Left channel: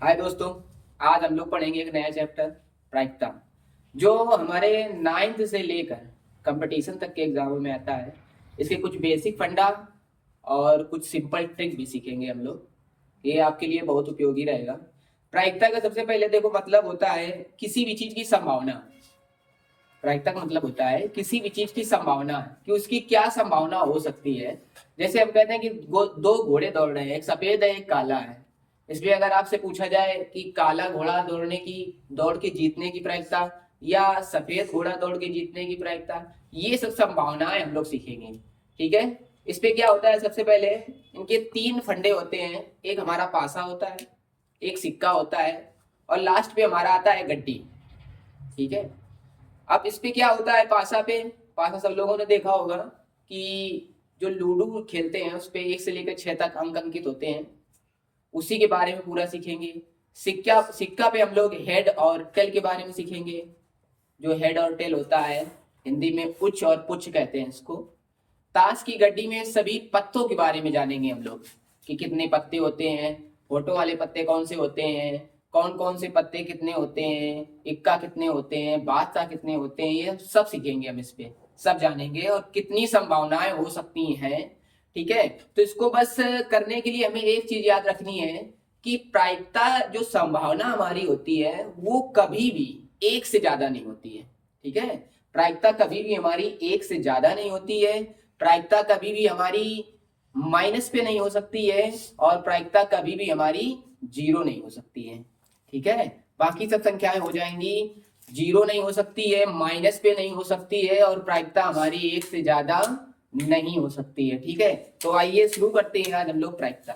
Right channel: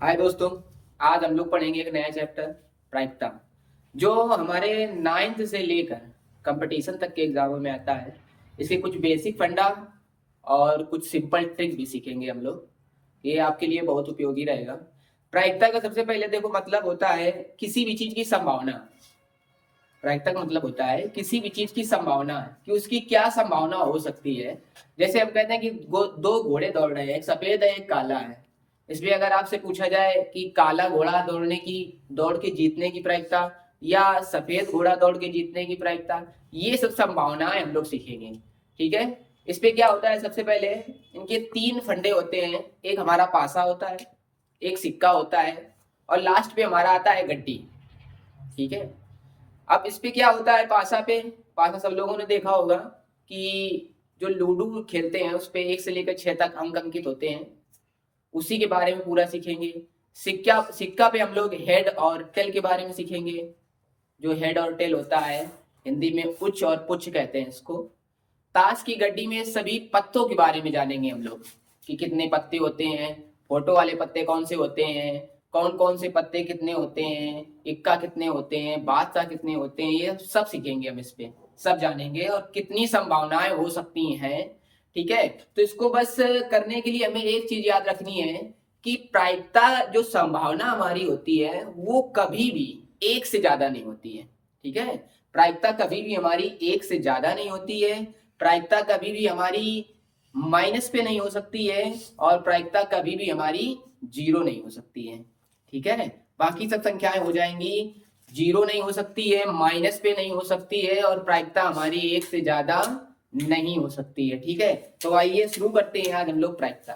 हाय दोस्तों। आज हम लोग पढ़ेंगे एक नया चैप्टर प्रायिकता, जो हमारे 9th से लेकर कंपटीशन तक के एग्जामों में आता है। इसके कुछ बेसिक फंडा और कुछ सिंपल ट्रिक भी सीखेंगे हम लोग। ये आपके लिए बहुत उपयोगी रहेगा। प्रायिकता का सबसे पहले देखो मतलब होता है किसी भी चीज की संभावना। प्रायिकता का मतलब होता है किसी भी चीज की संभावना कि उसकी क्या संभावना हो सकती है। जैसे हम कहते हैं कि दो घोड़े दौड़ रहे हैं, एक सफेद है एक काला है। इसलिए अगर आपसे पूछा जाए कि काला घोड़ा दौड़ने की दौड़ के जीतने की प्रायिकता या सफेद घोड़ा दौड़ के जीतने की प्रायिकता, ये सब संभावनाएं हम लोग सीखेंगे। ठीक है। इस पे क्या होता है, सबसे पहले इनके 3 फंडे होते हैं। एक हमारा पासा होता है, एक सिक्का होता है और लास्ट पे हमारा आता है गड्डी। ठीक है। अब इस पे क्या होता है, पासा पे, पासा सब लोगों ने देखा होगा कि जो लूडो खेलते हैं उस पे 1 से लेकर 6 तक अंक अंकित होते हैं। उसी के बारे में पूरा सीखेंगे। सिक्का सिक्का पे हम लोग हेड और टेल के बारे में सीखेंगे। जो हेड और टेल होता है, हिंदी में उच्च और पुच्छ कहते हैं इसको। ताश की गड्डी में सभी पत्तों के बारे में जानेंगे हम लोग कि कितने पत्ते होते हैं, फोटो वाले पत्ते कौन से होते हैं, कौन कौन से पत्ते कितने होते हैं, इक्का कितने होते हैं, बादशाह कितने होते हैं, ये सब सीखेंगे हम। इस पे सब जानेंगे और कितनी संभावनाएं हो सकती हैं। ठीक है। तो इसको बस करने के लिए हमें एक चीज याद रखनी है कि प्रायिकता जो संभावना हमारी होती है वो कभी भी 1 से ज्यादा नहीं होती है। ठीक है। प्रायिकता कभी भी हमारी 1 से ज्यादा नहीं होती है। प्रायिकता कभी भी हमारी माइनस पे नहीं हो सकती है और प्रायिकता कभी भी हमारी 0 नहीं हो सकती है। ठीक है। बाकी सब संख्याएं हो जाएंगी, 0 नहीं हो सकती है, माइनस पे नहीं हो सकती है और प्रायिकता हमारी 1 से ज्यादा नहीं हो सकती है। ठीक है। तो आइए शुरू करते हैं आज हम लोग प्रायिकता।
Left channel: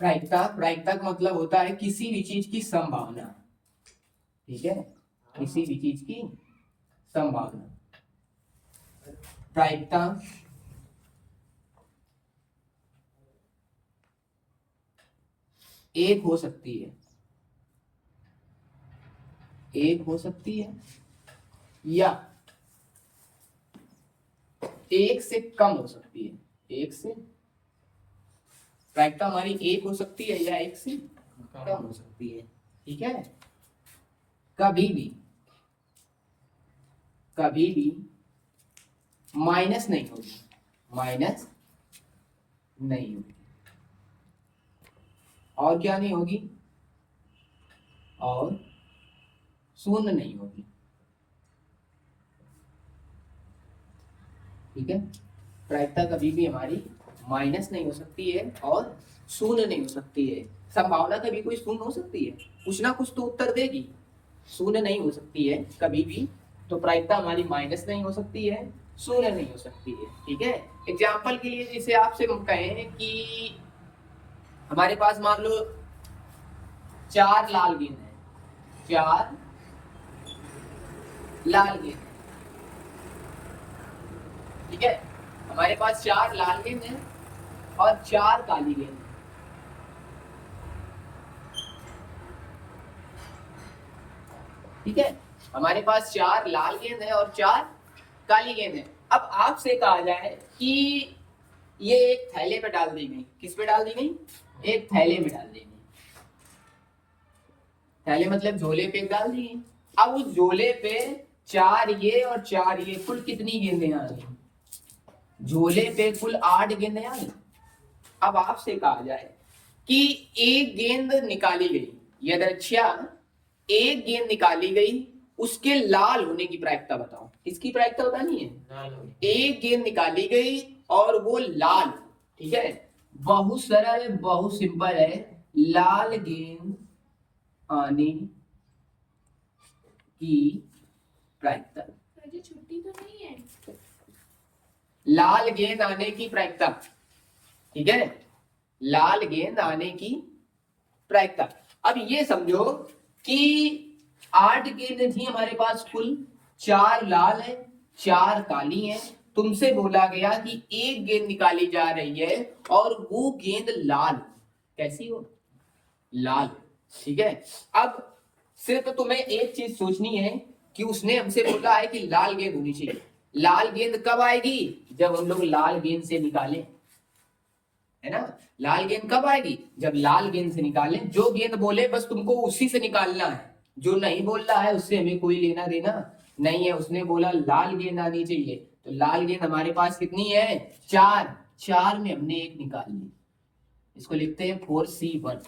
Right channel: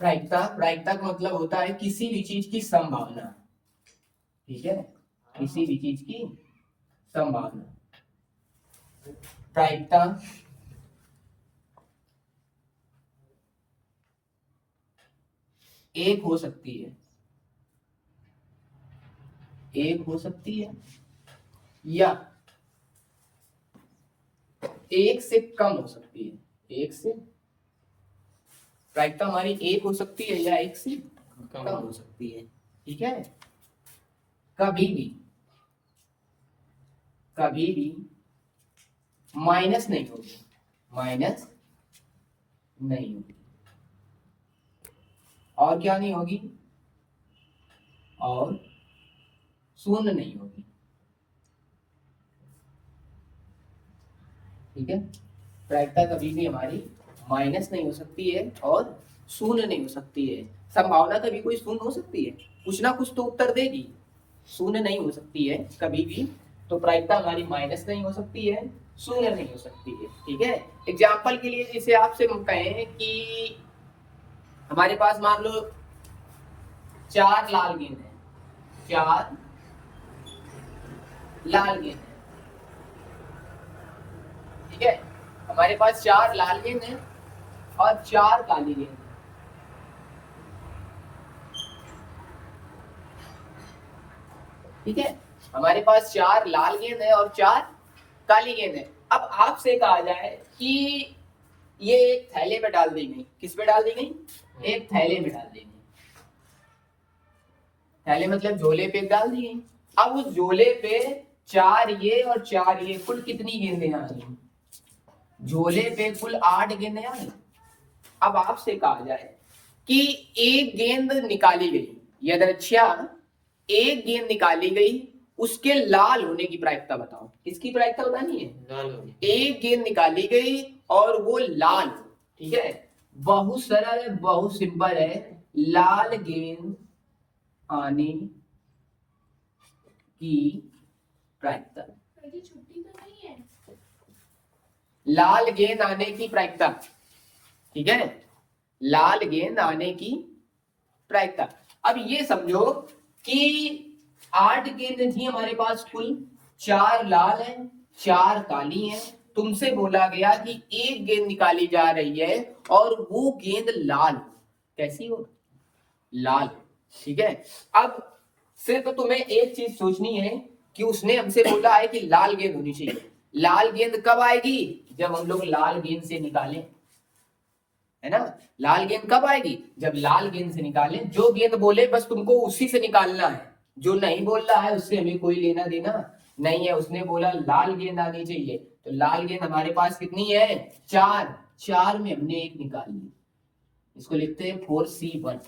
प्रायिकता प्रायिकता का मतलब होता है किसी भी चीज की संभावना। ठीक है। किसी भी चीज की संभावना प्रायिकता एक हो सकती है, एक हो सकती है या 1 से कम हो सकती है। 1 से प्रायिकता हमारी 1 हो सकती है या 1 से कम हो सकती है। ठीक है। कभी भी कभी भी माइनस नहीं होगी, माइनस नहीं होगी। और क्या नहीं होगी, और शून्य नहीं होगी। ठीक है। प्रायिकता कभी भी हमारी माइनस नहीं हो सकती है और शून्य नहीं हो सकती है। संभावना कभी कोई शून्य हो सकती है, कुछ ना कुछ तो उत्तर देगी। शून्य नहीं हो सकती है कभी भी। तो प्रायिकता हमारी माइनस नहीं हो सकती है, शून्य नहीं हो सकती है। ठीक है। एग्जाम्पल के लिए जैसे आपसे हम कहें कि हमारे पास मान लो 4 लाल गेंद है, 4 लाल गेंद है। ठीक है। हमारे पास 4 लाल गेंद है और 4 काली गेंद है। ठीक है। हमारे पास 4 लाल गेंद है और 4 काली गेंद है। अब आपसे कहा जाए कि ये एक थैले पे डाल दी गई। किस पे डाल दी गई? एक थैले में डाल दी गई। थैले मतलब झोले पे डाल दी गई। अब उस झोले पे 4 ये और 4 ये, कुल कितनी गेंदें आ गई? झोले पे कुल 8 गेंदें आ गई। अब आपसे कहा जाए कि एक गेंद निकाली गई, यदृच्छा एक गेंद निकाली गई, उसके लाल होने की प्रायिकता बताओ। किसकी प्रायिकता बतानी है? एक गेंद निकाली गई और वो लाल। ठीक है। बहुत सरल, बहुत सिंपल है। लाल गेंद आने की प्रायिकता, छुट्टी तो नहीं है। लाल गेंद आने की प्रायिकता। ठीक है। लाल गेंद आने की प्रायिकता। अब ये समझो कि 8 गेंद थी हमारे पास कुल, 4 लाल है 4 काली है। तुमसे बोला गया कि एक गेंद निकाली जा रही है और वो गेंद लाल। कैसी हो? लाल। ठीक है। अब सिर्फ तुम्हें एक चीज सोचनी है कि उसने हमसे बोला है कि लाल गेंद होनी चाहिए। लाल गेंद कब आएगी? जब हम लोग लाल गेंद से निकालें, है ना। लाल गेंद कब आएगी? जब लाल गेंद से निकालें। जो गेंद बोले बस तुमको उसी से निकालना है, जो नहीं बोल रहा है उससे हमें कोई लेना देना नहीं है। उसने बोला लाल गेंद आनी चाहिए, तो लाल गेंद हमारे पास कितनी है? 4। 4 में हमने एक निकाल ली, इसको लिखते हैं 4C1।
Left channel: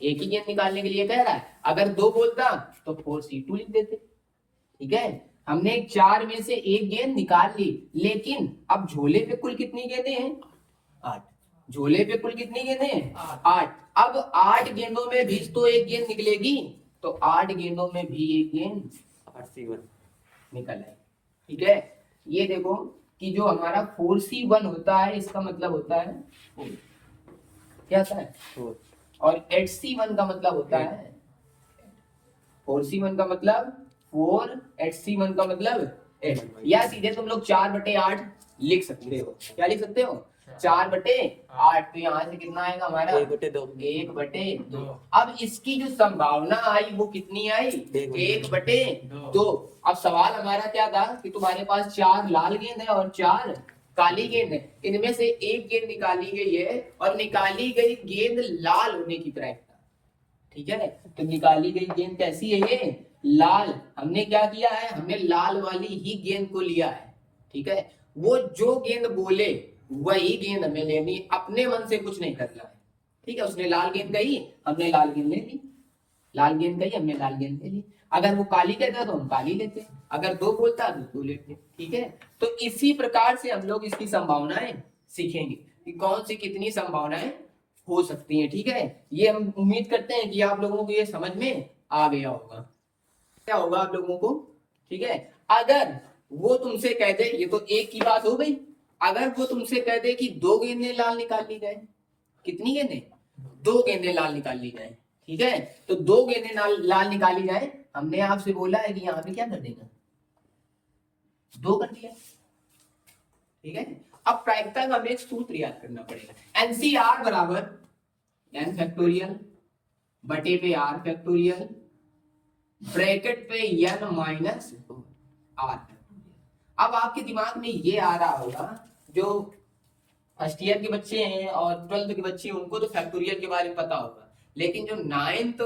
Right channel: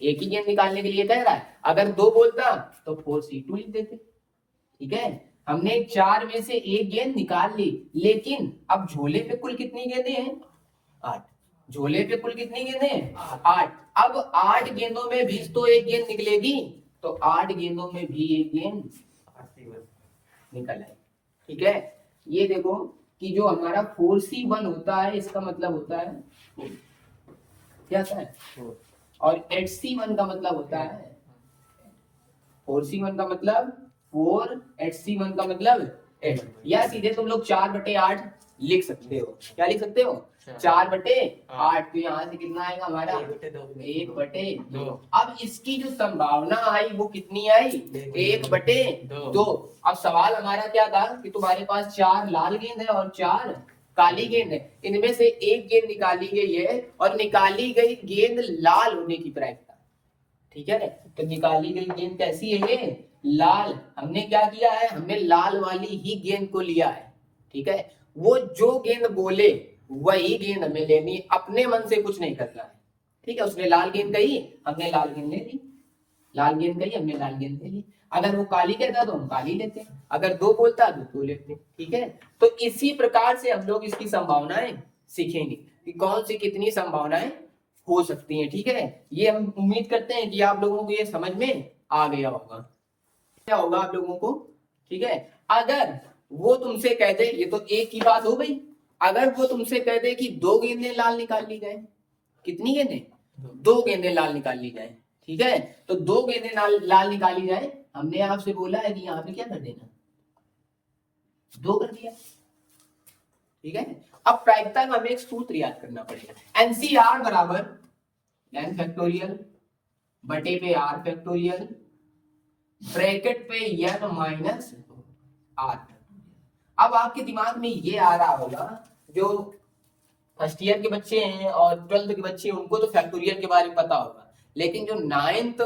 एक ही गेंद निकालने के लिए कह रहा है, अगर 2 बोलता तो 4C2 लिख देते। ठीक है, हमने 4 में से एक गेंद निकाल ली, लेकिन अब झोले पे कुल कितनी गेंदें हैं? 8। झोले पे कुल कितनी गेंदें हैं? 8। अब 8 गेंदों में भी तो एक गेंद निकलेगी, तो 8 गेंदों में भी एक गेंद निकल आएगी। ठीक है, ये देखो कि जो हमारा 4C1 होता है, इसका मतलब होता है क्या होता है? और 8C1 का मतलब होता है 4C1 का मतलब 4, 8C1 का मतलब 8। या सीधे तुम लोग 4/8 लिख सकते हो। क्या लिख सकते हो? 4/8। तो यहाँ से कितना आएगा हमारा? 1/2। अब इसकी जो संभावना आई वो कितनी आई? 1/2। अब सवाल हमारा क्या था कि तुम्हारे पास 4 लाल गेंद है और 4 काली गेंद है, इनमें से एक गेंद निकाली गई है और निकाली गई गेंद लाल होने की प्रायिकता। ठीक है, तो निकाली गई गेंद कैसी है? ये लाल। हमने क्या किया है? हमने लाल वाली ही गेंद को लिया है। ठीक है, वो जो गेंद बोले वही गेंद हमें लेनी, अपने मन से कुछ नहीं करना है। ठीक है, उसने लाल गेंद कही, हमने लाल गेंद ले ली। लाल गेंद कही, हमने लाल गेंद ले ली। अगर वो काली कहता तो हम काली लेते, अगर 2 बोलता तो 2 लेते। ठीक है, तो इसी प्रकार से हम लोग इसकी संभावनाएं सीखेंगे कि कौन सी कितनी संभावनाएं हो सकती हैं। ठीक है, ये हम उम्मीद करते हैं कि आप लोगों को ये समझ में आ गया होगा। क्या होगा आप लोगों को? ठीक है, अगर वो तुमसे कह दे, ये तो एक की बात हो गई, अगर वो तुमसे कह दे कि 2 गेंदें लाल निकाल ली जाए, कितनी गेंदें? 2 गेंदें लाल निकाल ली जाए। ठीक है, तो 2 गेंदें लाल निकाली जाए, हमने आपसे बोला है कि यहाँ पे क्या कर देना? 2 कर दिया। ठीक है, अब प्रायिकता का हमें एक सूत्र याद करना पड़ेगा। एनसीआर बराबर n फैक्टोरियल बटे पे r फैक्टोरियल ब्रैकेट पे n माइनस r। अब आपके दिमाग में ये आ रहा होगा, जो फर्स्ट ईयर के बच्चे हैं और 12th के बच्चे हैं उनको तो फैक्टोरियल के बारे में पता होगा, लेकिन जो 9th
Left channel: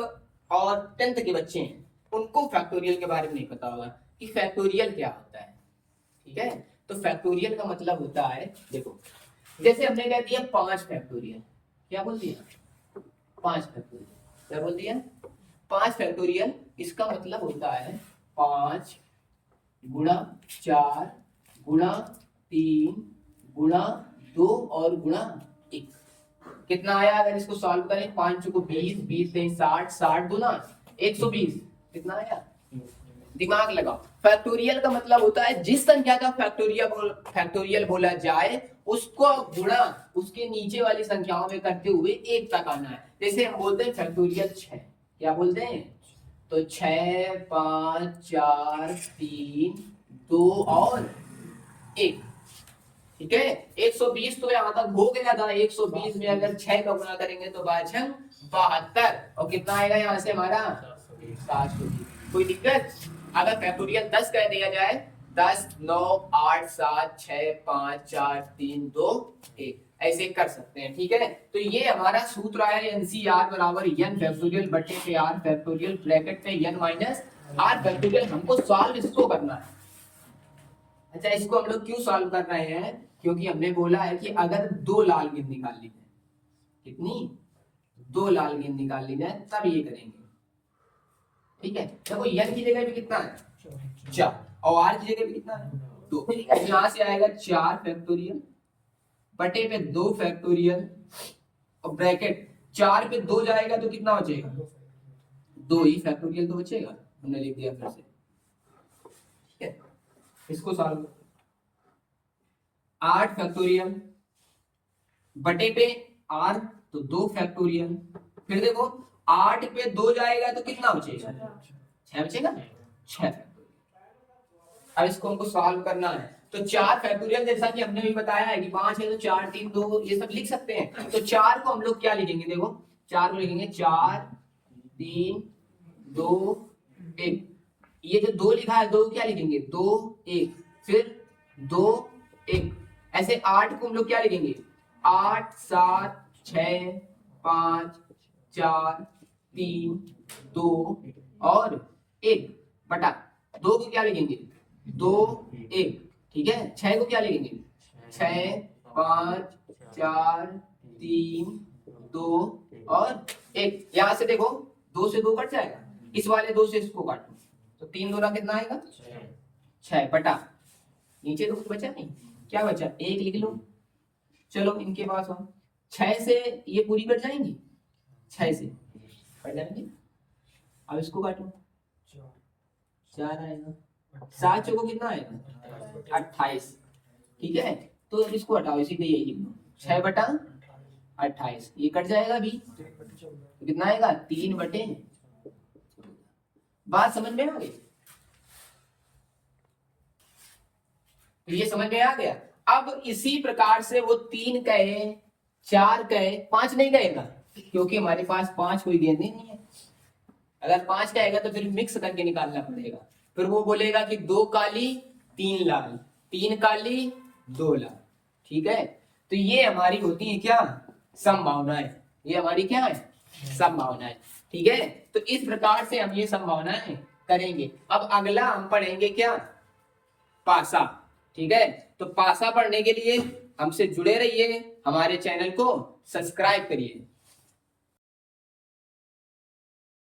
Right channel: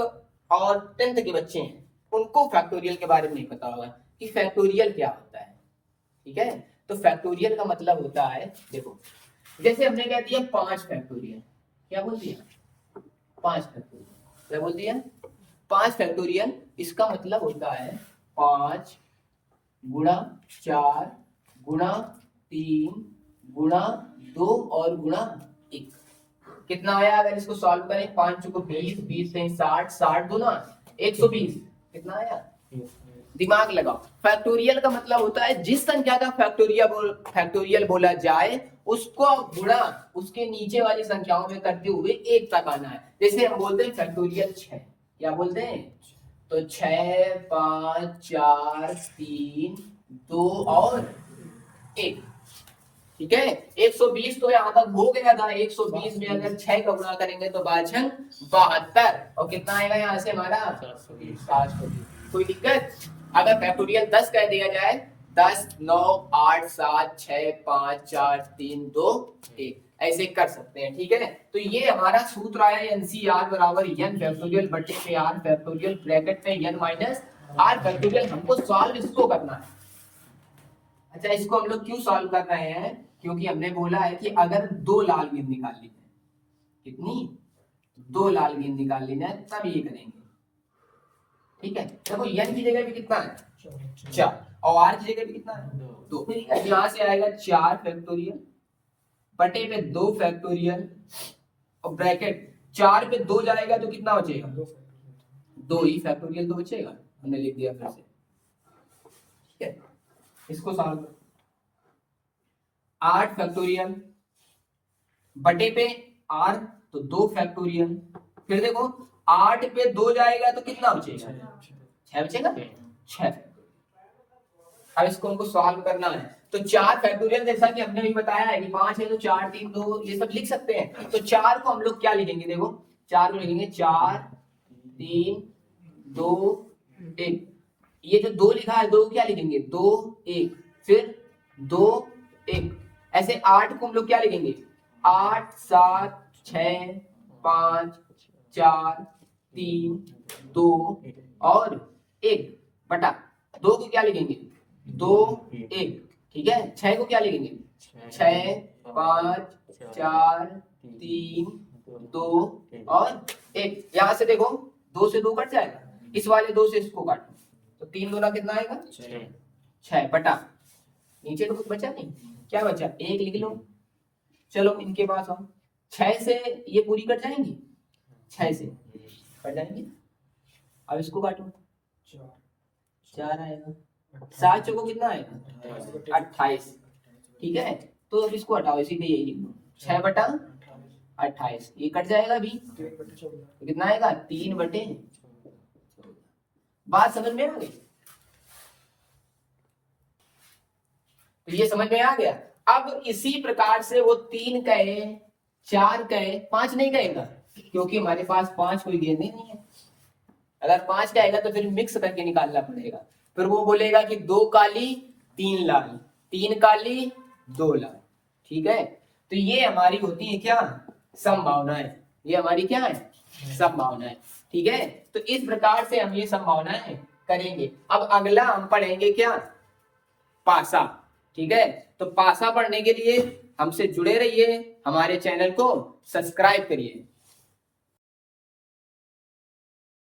और 10th के बच्चे हैं उनको फैक्टोरियल के बारे में नहीं पता होगा कि फैक्टोरियल क्या होता है। ठीक है, तो फैक्टोरियल का मतलब होता है, देखो जैसे हमने कह दिया 5 फैक्टोरियल, क्या बोल दिया? 5 फैक्टोरियल। क्या बोल दिया? 5 फैक्टोरियल। इसका मतलब होता है 5 गुणा 4 गुणा 3 गुणा 2 और गुणा 1। कितना आया अगर इसको सॉल्व करें? 5 को 20, 20 से 60, 60 गुना 120, कितना आया? दिमाग लगाओ। फैक्टोरियल का मतलब होता है जिस संख्या का फैक्टोरियल बोला जाए उसको गुणा उसके नीचे वाली संख्याओं में करते हुए 1 तक आना है। जैसे हम बोलते हैं फैक्टोरियल 6, क्या बोलते हैं? तो 6, 5, 4, 3, 2 और 1। ठीक है, 120 तो यहाँ तक हो गया था। 120 में अगर 6 का गुणा करेंगे तो 72, और कितना आएगा यहाँ से हमारा? 720। कोई दिक्कत? अगर फैक्टोरियल 10 कह दिया जाए, 10, 9, 8, 7, 6, 5, 4, 3, 2, 1, ऐसे कर सकते हैं। ठीक है, तो ये हमारा सूत्र आया एनसीआर बराबर n फैक्टोरियल बटे पे r फैक्टोरियल ब्रैकेट पे n माइनस r फैक्टोरियल। हमको सॉल्व इसको करना है। अच्छा, इसको हम लोग क्यों सॉल्व कर रहे हैं? क्योंकि हमने बोला है कि अगर 2 लाल गेंद निकाल ली जाए, कितनी? 2 लाल गेंद निकाल ली जाए तब ये करेंगे। ठीक है, देखो n की जगह पे कितना है? 4, और r की जगह पे कितना है? 2। यहाँ से आएगा 4 फैक्टोरियल बटे पे 2 फैक्टोरियल और ब्रैकेट 4 पे 2 जाएगा तो कितना बचेगा? 2 ही फैक्टोरियल तो बचेगा। हमने लिख दिया फिर से। ठीक है, इसको सॉल्व 8 फैक्टोरियल बटे पे r, तो 2 फैक्टोरियल। फिर देखो 8 पे 2 जाएगा तो कितना बचेगा? 6 बचेगा। 6। अब इसको हमको सॉल्व करना है, तो 4 फैक्टोरियल जैसा कि हमने भी बताया है कि 5 है तो 4, 3, 2 ये सब लिख सकते हैं। तो 4 को हम लोग क्या लिखेंगे? देखो 4 को लिखेंगे 4, 3, 2, 1। ये जो 2 लिखा है 2 क्या लिखेंगे? 2, 1। फिर 2 1। ऐसे 8 को हम लोग क्या लिखेंगे, 8 7 6 5 4 3 2 और 1 बटा 2 को क्या लिखेंगे, 2 1। ठीक है, 6 को क्या लिखेंगे, 6 5 4 3 2 और 1। यहां से देखो 2 से 2 कट जाएगा, इस वाले 2 से इसको काटो तो 3 2 कितना आएगा, 6 बटा, नीचे तो कुछ बचा नहीं, क्या बचा, 1 लिख लो। चलो इनके पास आओ, 6 से ये पूरी कट जाएंगी, 6 से कट जाएंगी। अब इसको काटो, 4 आएगा, 7 चौको कितना आएगा, 28। ठीक है, तो अब इसको हटाओ, सीधे यही लिख लो, 6 बटा 28, ये कट जाएगा अभी तो कितना आएगा, 3 बटे। बात समझ में आ गई, तो ये समझ में आ गया। अब इसी प्रकार से वो 3 कहे, 4 कहे, 5 नहीं कहेगा क्योंकि हमारे पास 5 कोई गेंदे नहीं है। अगर 5 कहेगा तो फिर मिक्स करके निकालना पड़ेगा, फिर वो बोलेगा कि 2 काली 3 लाल, 3 काली 2 लाल। ठीक है, तो ये हमारी होती है क्या, संभावनाएं। ये हमारी क्या है, संभावनाएं। ठीक है, तो इस प्रकार से हम ये संभावनाएं करेंगे। अब अगला हम पढ़ेंगे क्या, पासा। ठीक है, तो पासा पढ़ने के लिए हमसे जुड़े रहिए, हमारे चैनल को सब्सक्राइब करिए।